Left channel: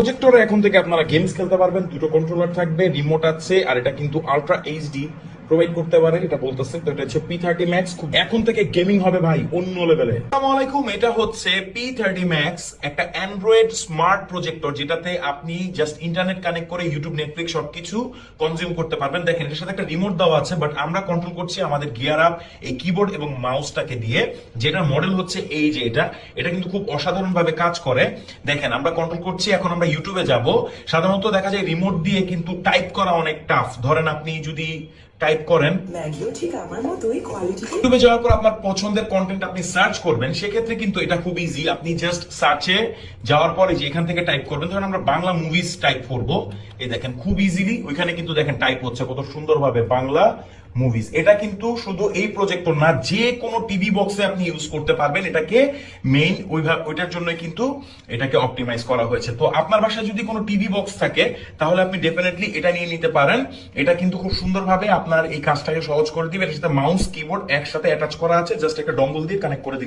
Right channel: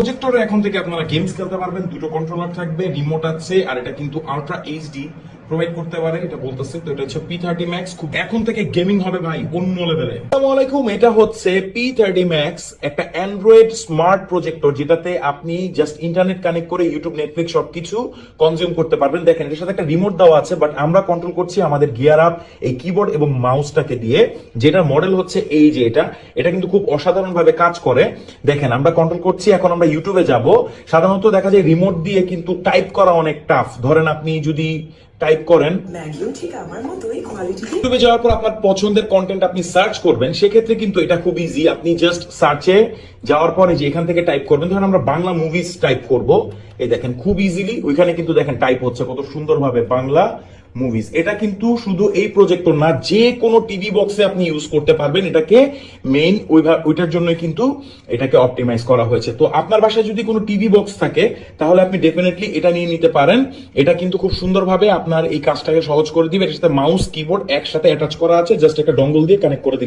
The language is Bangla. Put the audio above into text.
প্রজেক্টরে এখন থেকে আপনারা গেমস খেলতে পারবেন, দুটো কন্ট্রোলার থাকবে রিমোট আছে, আর এটা কিন্তু আলট্রা এইচডি প্রোভাইড করতে পারে, এটা বলতেছি, তো এটা হচ্ছে পি থার্টি ম্যাক্স খুব এখন থেকে গেমিং হবে ভাই, অন্য লেভেলে আলাইকুম, এটা হচ্ছে পি থার্টি ম্যাক্স একটা অ্যান্ড্রয়েড স্মার্ট প্রজেক্টর যেটাতে আপনি জাস্ট ইন্টারনেট কানেক্ট করে ইউটিউব নেটফ্লিক্স সবকিছু কনজিউম করতে পারবেন। দেখেন এর সাথে একটা রিমোট দেওয়া আছে বাট আমরা কন্ট্রোল করছি আমাদের গিয়ার আপ এই কিবোর্ড এবং মাউসটাকে দিয়ে, যেটার মডেল হচ্ছে এই যে এটা। এটা কিন্তু খুব অসাধারণ ভাবে কাজ করে। দেখেন, আমরা কন্ট্রোল করছি, এখন আমরা ইউটিউবে যাব। সাধারণত দেখা যায় রিমোট দিয়ে কিন্তু টাইপ করা অনেক টাফ ধরেন আপনি যদি টাইপ করেন। ইউটিউবে যাওয়ার পর আপনার পছন্দের কন্টেন্ট আপনি সার্চ করবেন সেক্ষেত্রে কিন্তু এটা খুব ইজি আপনি জাস্ট সার্চে যাওয়ার পরে যে এখান থেকে টাইপ করবেন ধরেন আমরা বাংলা মুভিজ টাইপ করব। এই দেখেন খুব ইজিলি ওইখানে কিন্তু দেখেন টাইপ হচ্ছে কত সুন্দরভাবে বাংলা মুভিজ এটা কিন্তু শুধু এই প্রজেক্টর না, যে কোনো টিভি বক্সে আপনি ইউজ করতে পারবেন এটাকে মেইন ওইটার জন্যই কিন্তু এটাকে অপটিমাইজ করা হয়েছে। তো আপনার বাসায় যদি কোনো টিভি বক্স থাকে, তাহলে আপনি ডেফিনেটলি এটা নিয়ে নিতে পারেন। এটা কিন্তু খুব সুন্দরভাবে আপনার এই কাজটাকে সহজ করে দিবে। এটার সাথে মাউস কিবোর্ড একসাথে অ্যাটাচ করা আছে। জাস্ট একটা ডঙ্গল দিয়ে কানেক্ট করে দিন।